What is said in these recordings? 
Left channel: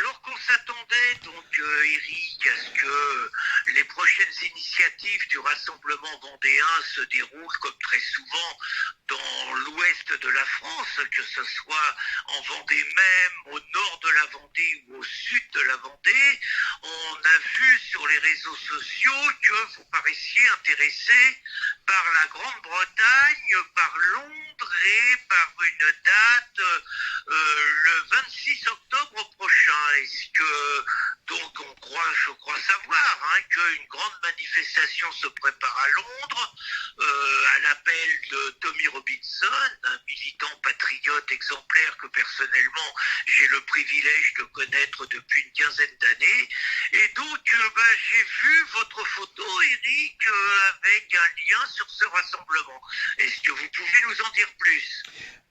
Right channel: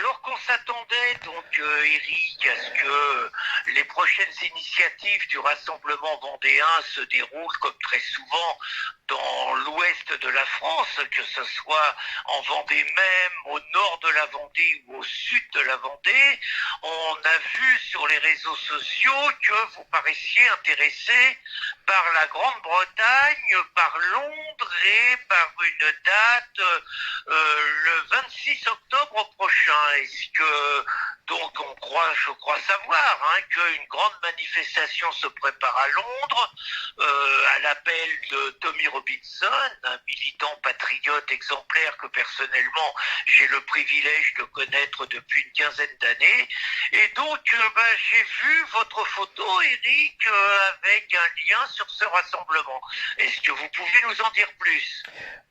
Alors qu'on s'attendait donc, Éric, à ce que les prochaines initiatives du Rassemblement vendéen se déroulent comme très souvent dans l'ouest de la France, que ce soit en Vendée même, au nord de la Vendée ou au sud de la Vendée, on a vu sur les réseaux sociaux que vous paraissiez intéressé par la Grande-Bretagne, par Londres et par une date le 26 octobre prochain. Est-ce que donc je crois savoir qu'une grande manifestation se prépare à Londres à l'appel de Tommy Robinson, un militant patriote exemplaire que personnellement j'ai le privilège de connaître depuis une quinzaine d'années. Et donc j'ai vu votre photo, Éric, avec un lien sur ce rassemblement. Est-ce que vous pouvez nous en dire plus?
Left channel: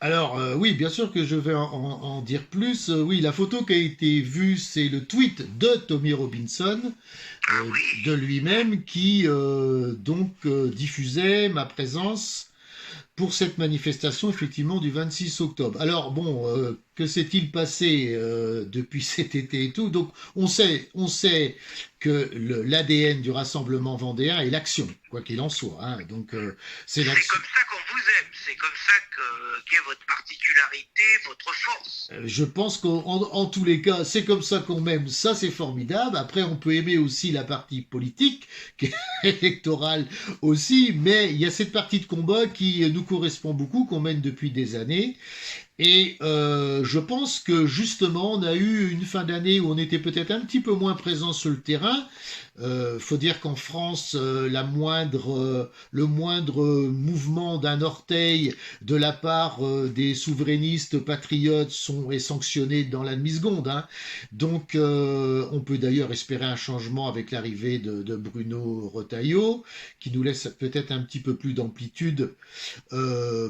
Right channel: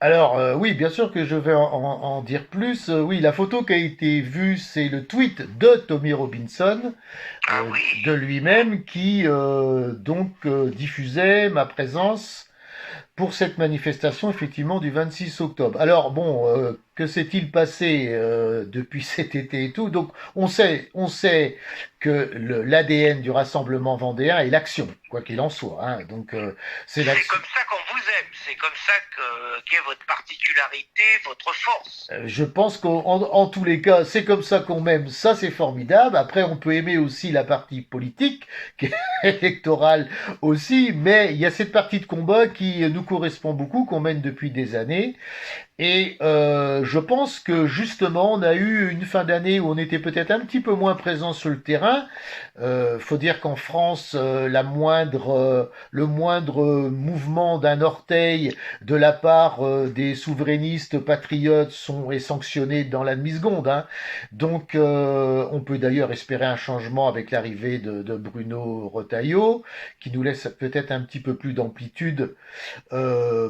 Alors, oui, bien sûr que je vais en dire plus. Oui, la photo qui a été vue, c'est le tweet de Tommy Robinson, Ah de oui. lui-même, qui diffusait ma présence pour cette manifestation effectivement du 26 octobre. Alors bon, que s'est-il passé depuis cet été et tout? Donc on sait que l'ADN du Rassemblement vendéen est l'action, quoi qu'il en soit, hein. Donc c'est C'est l'action. comme ça qu'on vous aime, c'est comme ça qu'est votre particularité, votre force. Je pense qu'en tous les cas, c'est comme ça qu'on m'aime, ça c'est formidable. Après, on peut aimer aussi la partie politique, qui est électorale aussi, mais il y a cette partie de combat qui nous correspond beaucoup, qu'on mène depuis des années. Et je pense que justement, on a eu une fin d'année où on était peut-être un petit peu moins présent sur le terrain. Faut dire qu'en France, le moindre mouvement d'un orteil de la part des souverainistes patriotes est sanctionné dans la demi-seconde, hein. Donc, on peut d'ailleurs espérer un changement avec l'arrivée de Bruno Retailleau, qui nous laisse peut-être un petit peu plus d'amplitude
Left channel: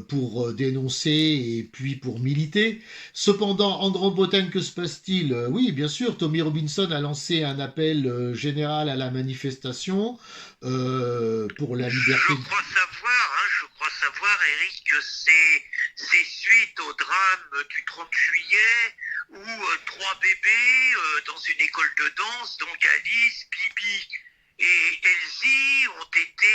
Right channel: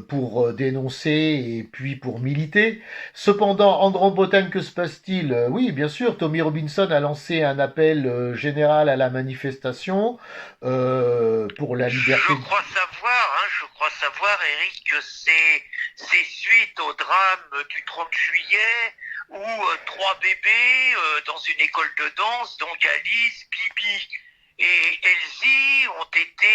pour dénoncer et puis pour militer. Cependant, en Grande-Bretagne, que se passe-t-il? Oui, bien sûr, Tommy Robinson a lancé un appel général à la manifestation pour la Je liberté. crois savoir, Eric, que c'est suite au drame du 30 juillet où trois bébés dans une école de danse, donc Alice, Bibi et Elsie, ont été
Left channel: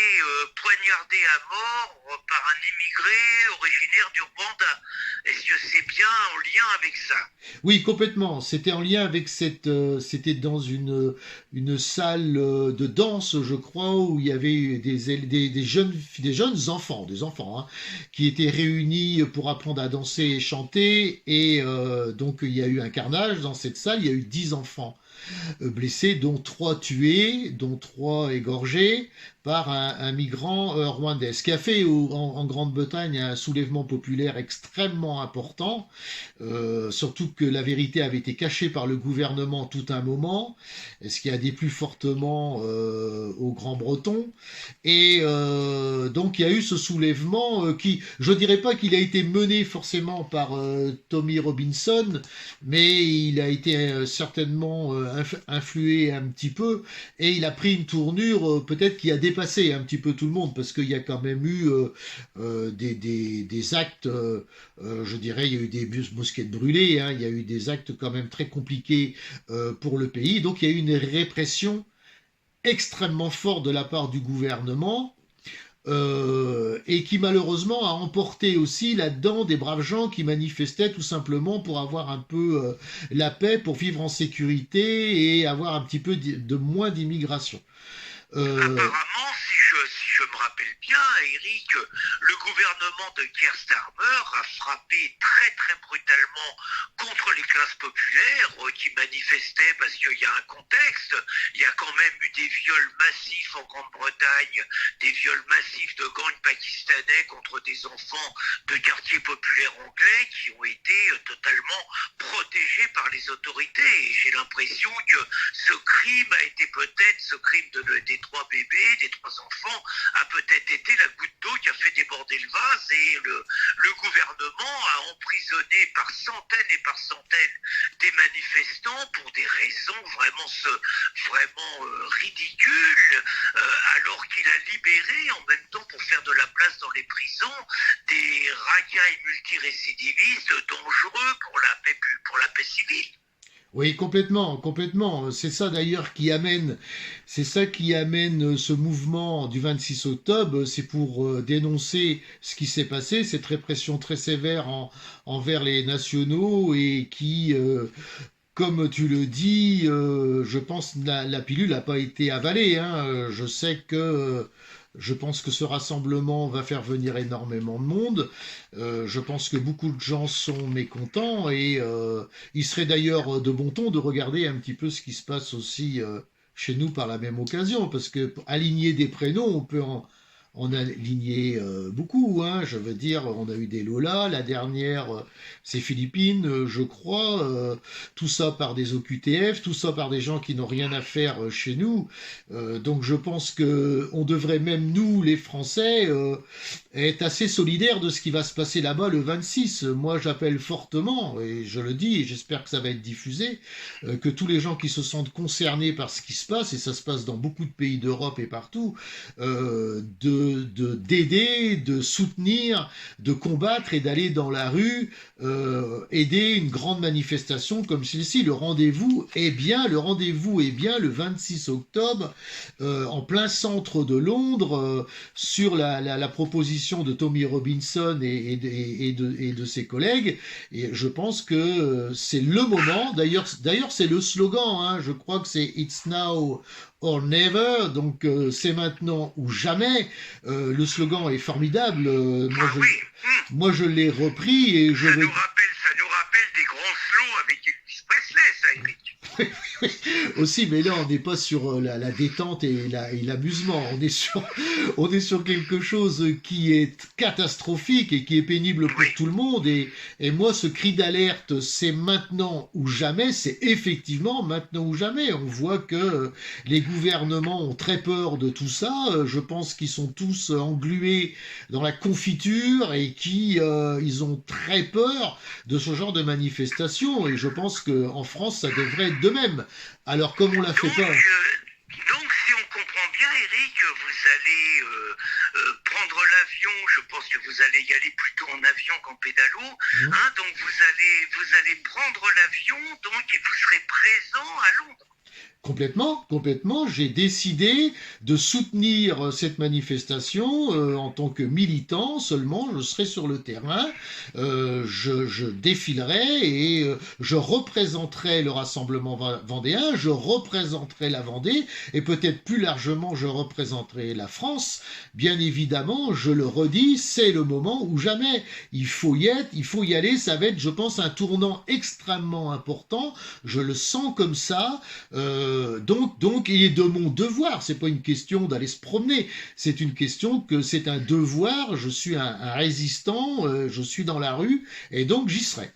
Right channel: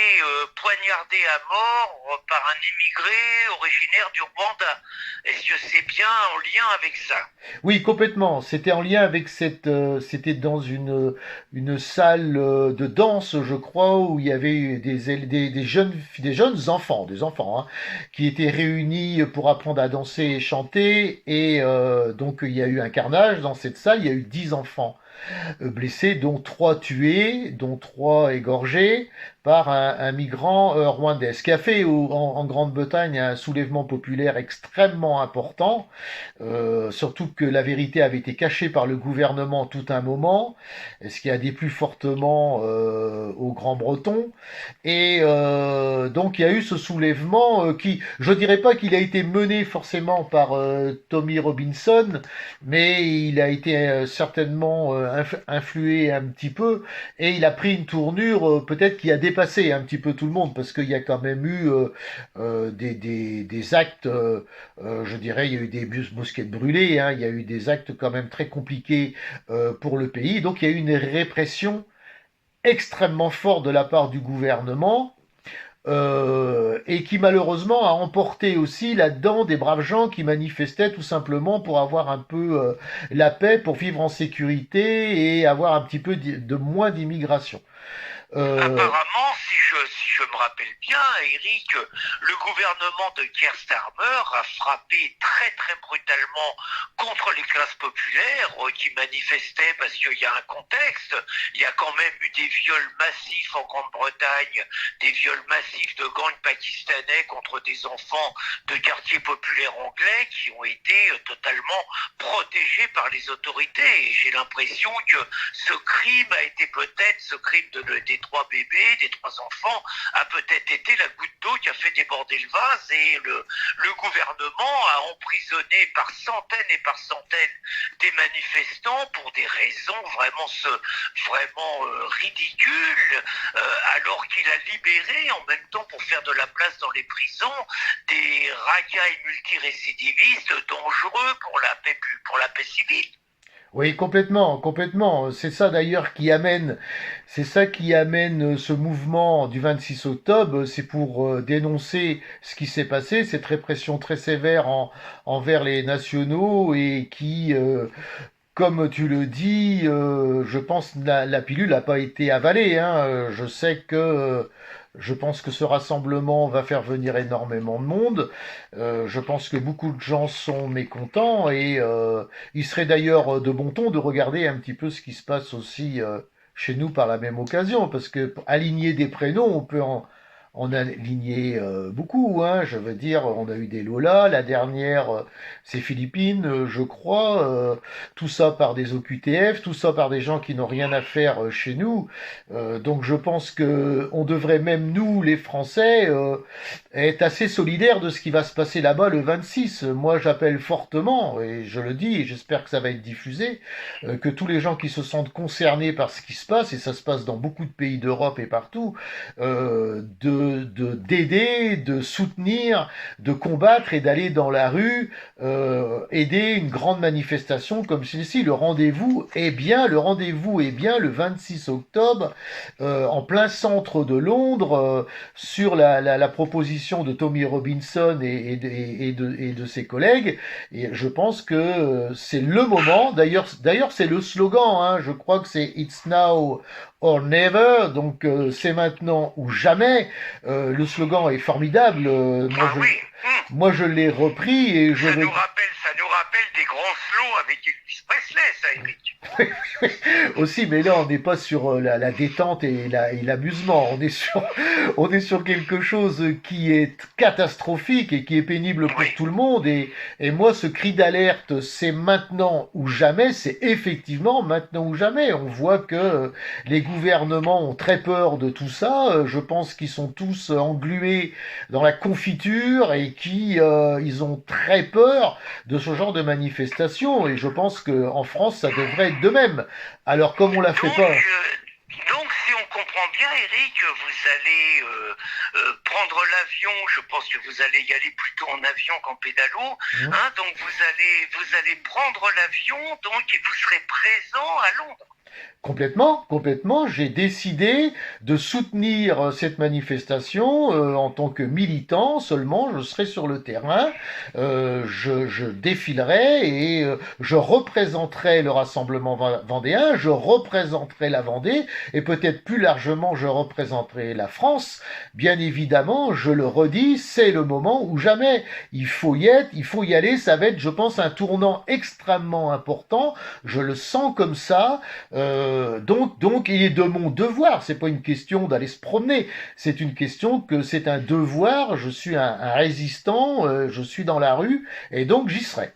poignardés à mort par un immigré originaire du Rwanda. Est-ce que c'est bien en lien avec ça? Oui, complètement. C'était en lien avec c'était dans une salle de danse, je crois, où il y avait des jeunes enfants, hein, qui étaient réunis pour apprendre à danser et chanter. Et donc, il y a eu un carnage dans cette salle. Il y a eu 10 enfants blessés, dont 3 tués, dont 3 égorgés par un migrant rwandais. Ce qui a fait en Grande-Bretagne un soulèvement populaire extrêmement important, surtout que la vérité avait été cachée par le gouvernement tout un moment, ce qui a déplu fortement aux Grands-Bretons. Et donc il y a eu ce soulèvement qui, je dirais pas qu'il a été mené forcément par Tommy Robinson, mais il a été certainement influé un petit peu, et il a pris une tournure peut-être qui a dépassé un petit peu tout le monde, parce qu'il y a quand même eu des actes, je dirais, il y a eu des mosquées brûlées, hein, il y a eu des actes quand même très compliqués pour le pays, donc il y a eu une répression extrêmement forte de la part du gouvernement, et qui malheureusement a emporté aussi là-dedans des braves gens qui manifestaient tout simplement pour avoir un peu la paix, pour vivre en sécurité et avoir un petit peu de moins d'immigration. Euh, Apparemment, si je me rappelle bien, Eric, le gouvernement de Keir Starmer a frappé très très brutalement contre les classes populaires qui manifestaient parce qu'il y a un contexte. Il y a quand même eu des viols massifs en Grande-Bretagne, des viols massifs de gangs pakistanais contre des enfants de quartiers populaires anglais qui ont été totalement protégés par les autorités. Et j'ai l'impression que ce crime des trois bébés, des trois enfants, a peut-être été la goutte d'eau qui a fait déborder le vase, et le gouvernement a emprisonné par centaines et par centaines des manifestants pour des raisons vraiment ridicules, alors qu'il a libéré en même temps, pour faire de la place dans les prisons, des racailles multirécidivistes dangereux pour la paix civile. Oui, complètement, complètement. C'est ça qui amène ce mouvement du 26 octobre. C'est pour dénoncer ce qui s'est passé, cette répression très sévère envers les nationaux et qui, comme tu le dis, je pense la pilule n'a pas été avalée, hein. Je pense que ce rassemblement va faire venir énormément de monde. Je pense que beaucoup de gens sont mécontents et il serait d'ailleurs de bon ton de regarder un petit peu ce qui se passe aussi chez nous par la même occasion, parce que aligner des prénoms, on a aligné beaucoup, hein. Je veux dire, on a eu des Lola, la dernière, c'est Philippines, je crois. Tout ça par des OQTF, tout ça par des gens qui n'ont rien à faire chez nous. Donc je pense que on devrait même nous, les Français, être assez solidaires de ce qui va se passer là-bas le 26. Moi, j'appelle fortement, et je le dis, et j'espère que ça va être diffusé, que tous les gens qui se sentent concernés par ce qui se passe, et ça se passe dans beaucoup de pays d'Europe et partout, d'aider, de soutenir, de combattre et d'aller dans la rue, aider une grande manifestation comme celle-ci. Le rendez-vous est bien le 26 octobre, en plein centre de Londres, sur la proposition de Tommy Robinson et de ses collègues. Et je pense que c'est le moment. D'ailleurs, c'est le slogan, hein. Je crois que c'est It's now or never, donc c'est maintenant ou jamais. Le slogan est formidable. Ah oui, Moi, je l'ai repris et je vais. ça nous rappelle des grands slows avec Elvis Presley, ça, Eric. Aussi, mais là, on n'est pas sur la détente et l'amusement. On est sur quelque chose qui est catastrophique et qui est pénible pour Oui, tout le monde. Et moi, ce cri d'alerte, c'est maintenant ou jamais. C'est effectivement maintenant ou jamais. On voit que les gouvernements ont très peur de tout ça. Je pense qu'ils sont tous englués dans la confiture et ils ont très peur de ce genre de manifestation. Et je pense qu'en France, ça devrait être de même. Alors, comme on la fait pas. donc, si on comprend bien, Eric, vous allez prendre l'avion. Je pense que vous allez y aller plutôt en avion qu'en pédalo. Hmm. Hein, donc, vous allez prendre l'avion, donc, et vous serez présent à Londres. Complètement, complètement. J'ai décidé de soutenir cette manifestation en tant que militant. Seulement, je serai sur le terrain, je défilerai et je représenterai le rassemblement vendéen, je représenterai la Vendée et peut-être plus largement, je représenterai la France. Bien évidemment, je le redis, c'est le moment ou jamais. Il faut y être, il faut y aller. Ça va être, je pense, un tournant extrêmement important. Je le sens comme ça. Donc, il est de mon devoir. C'est pas une question d'aller se promener. C'est une question que c'est un devoir. Je suis un résistant. Je suis dans la rue et donc j'y serai.